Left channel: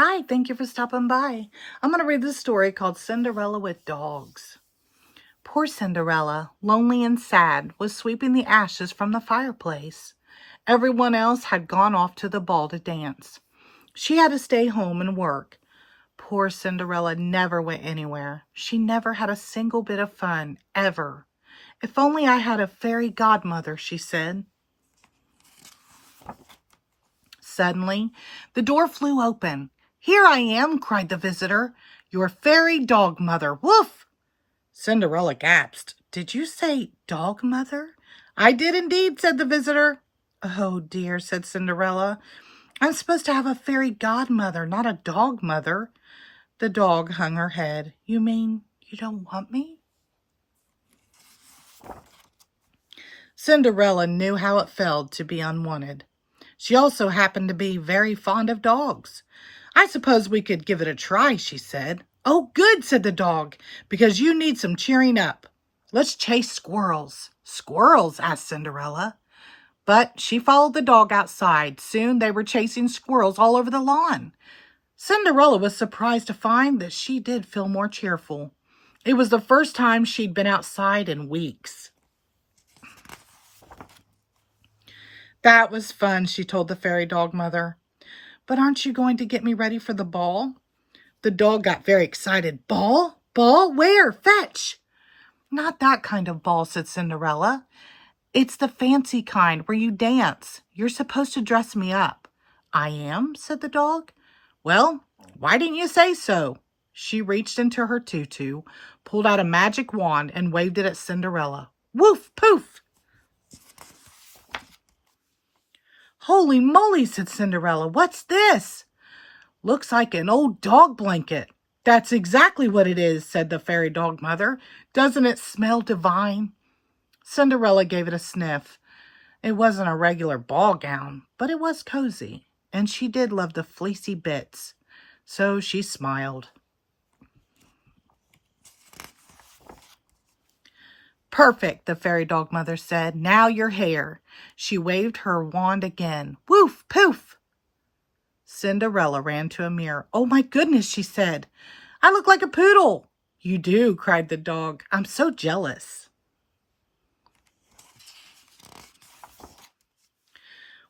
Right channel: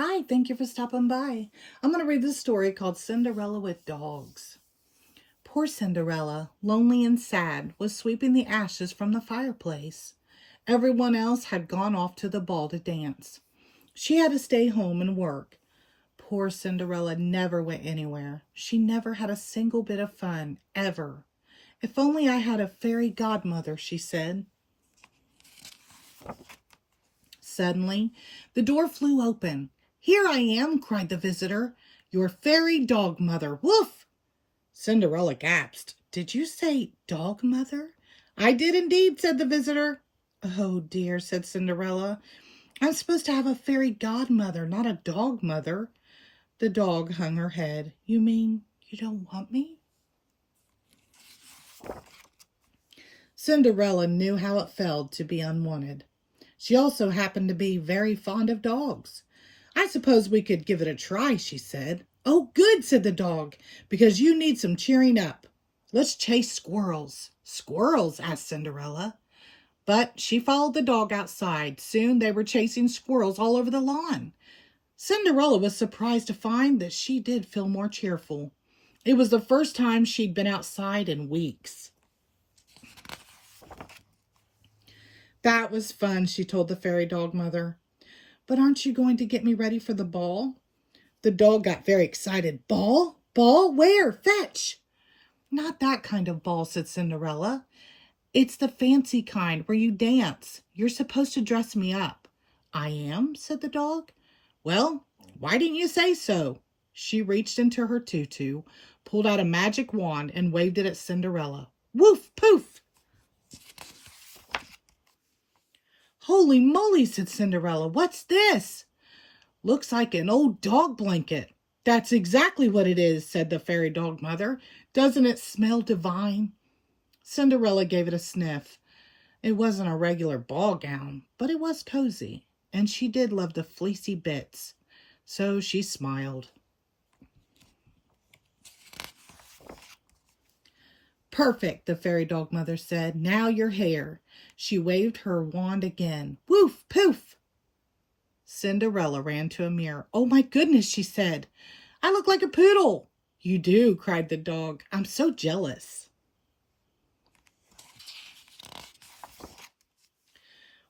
Hi, thank you for stopping by. I'm going to read this story called Cinderella with Dogs. Poor Cinderella, lonely and sad, was sweeping the ashes from the fireplace. Everyone else had gone off to the ball to dance. She had to stay home and work. Poor Cinderella never went anywhere. She never had a single bit of fun, ever. If only I had a fairy godmother, she said. Suddenly, the door flew open. "Here I am," cried the visitor, "your fairy dog mother. Woof!" Cinderella gasped. "Did you say dog mother?" "I did indeed," said the visitor. "Oh dear," said Cinderella. "I'm supposed to have a fairy godmother, not a dog mother." The dog hung her head. "You mean you don't want me?" Cinderella knew how it felt to be unwanted. She also happened to be very fond of dogs. "I suppose we could give it a try," she said. "Oh, good," said the dog, "because you need some cheering up. Let's chase squirrels." "Squirrels?" asked Cinderella. But she followed the dog outside. Soon they were chasing squirrels all over the lawn. Cinderella was surprised to find that she did feel more cheerful. It was the first time she'd been outside in weeks. "That was fun," she told the fairy dog mother. "But aren't you going to get me ready for the ball?" The dog got very excited. "Ball? Ball? Where? Fetch!" "Not that kind of ball," said Cinderella. "It's the fancy kind where you dance. You're supposed to dress me up." "I am?" said the dog. "Well, why didn't you say so?" She reached into her tutu, pulled out a magic wand, and waved it at Cinderella. Woof! Poof! "Holy moly," said Cinderella. "What's this?" "Looks like an old dog blanket." "That's exactly what it is," said the fairy dog mother. "Doesn't it smell divine?" Cinderella gave it a sniff. It wasn't a regular ball gown, but it was cozy, and she did love the fleecy bits. So she smiled. "Perfect," the fairy dog mother said. "Now your hair." She waved her wand again. Woof! Poof! Cinderella ran to a mirror. "Oh my goodness," she said. "I look like a poodle." "You do," cried the dog. "I'm so jealous."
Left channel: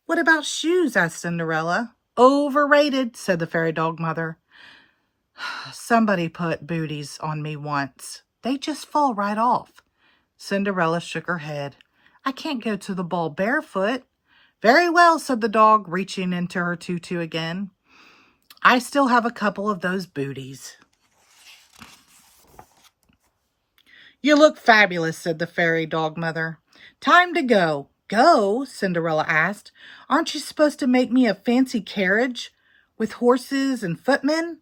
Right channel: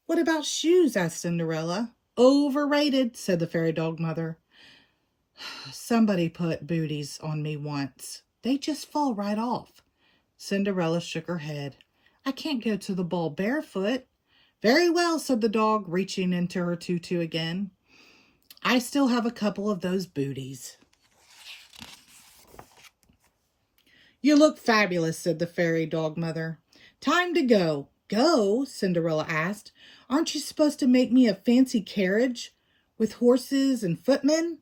"What about shoes?" asked Cinderella. "Overrated," said the fairy dog mother. "Somebody put booties on me once. They just fall right off." Cinderella shook her head. "I can't go to the ball barefoot." "Very well," said the dog, reaching into her tutu again. "I still have a couple of those booties." "You look fabulous," said the fairy dog mother. "Time to go." "Go?" Cinderella asked. "Aren't you supposed to make me a fancy carriage with horses and footmen?"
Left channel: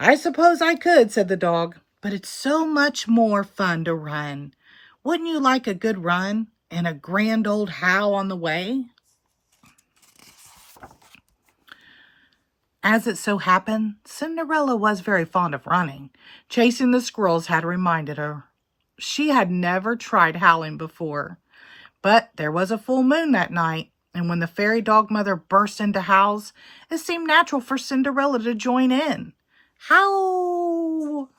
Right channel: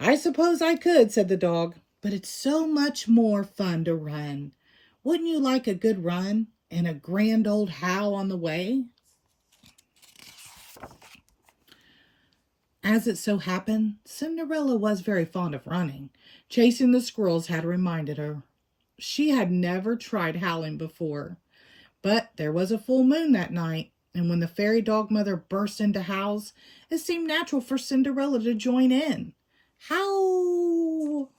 "I suppose I could," said the dog, "but it's so much more fun to run. Wouldn't you like a good run and a grand old howl on the way?" As it so happened, Cinderella was very fond of running. Chasing the squirrels had reminded her. She had never tried howling before. But there was a full moon that night, and when the fairy dog mother burst into howls, it seemed natural for Cinderella to join in. Howl!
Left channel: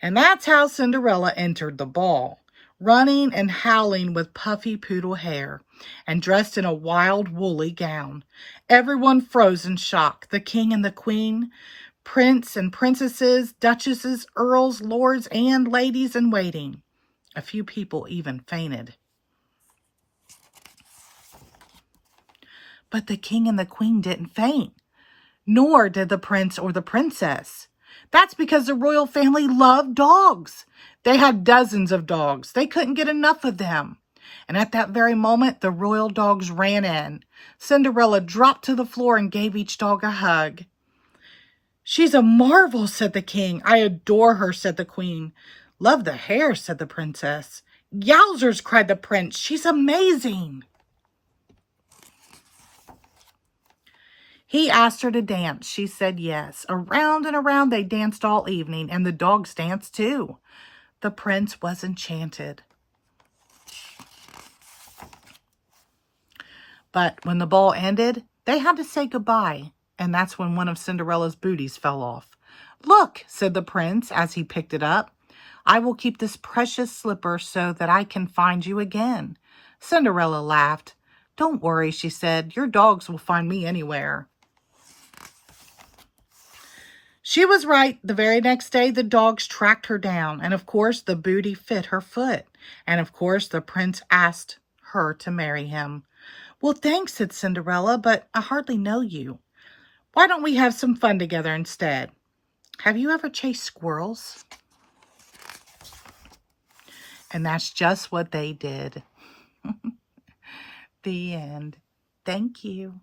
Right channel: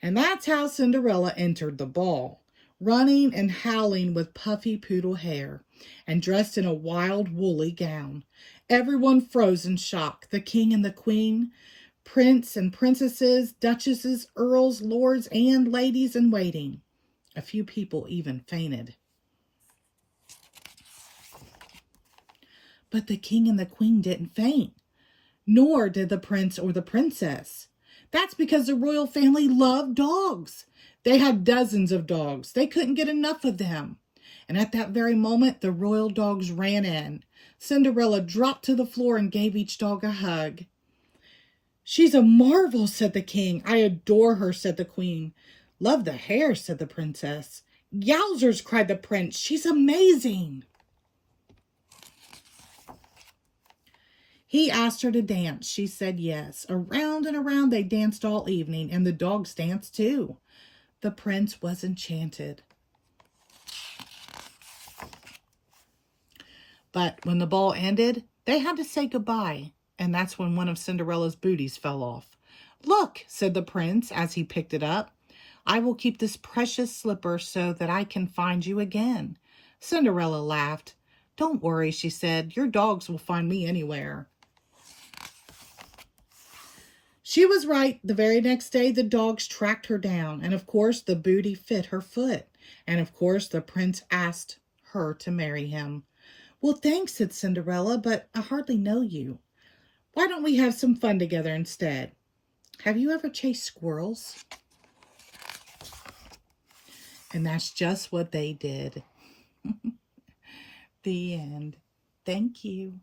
And that's how Cinderella entered the ball, running and howling with puffy poodle hair, and dressed in a wild woolly gown. Everyone froze in shock, the king and the queen, prince and princesses, duchesses, earls, lords, and ladies in waiting. A few people even fainted. But the king and the queen didn't faint, nor did the prince or the princess. That's because the royal family loved dogs. They had dozens of dogs. They couldn't get enough of them. And at that very moment, the royal dogs ran in. Cinderella dropped to the floor and gave each dog a hug. "She's a marvel," said the king. "I adore her," said the queen. "Love the hair," said the princess. "Yowzers," cried the prince. "She's amazing." He asked her to dance. She said yes. Around and around they danced all evening, and the dogs danced too. The prince was enchanted. But when the ball ended, They had to say goodbye, and that's when one of Cinderella's booties fell off. "Look," said the prince as he picked it up. "I will keep this precious slipper so that I can find you again." Cinderella laughed. "Don't worry," she said. "Your dogs will find me anywhere." She was right. The very next day, the dogs tracked her down, and of course, the booty fit her foot. And of course, the prince asked her to marry him. "Well, thanks," said Cinderella, "but I hardly know you. Why don't we have some fun together instead? Have you ever chased squirrels?" And that's just what they did. The end. Thank you.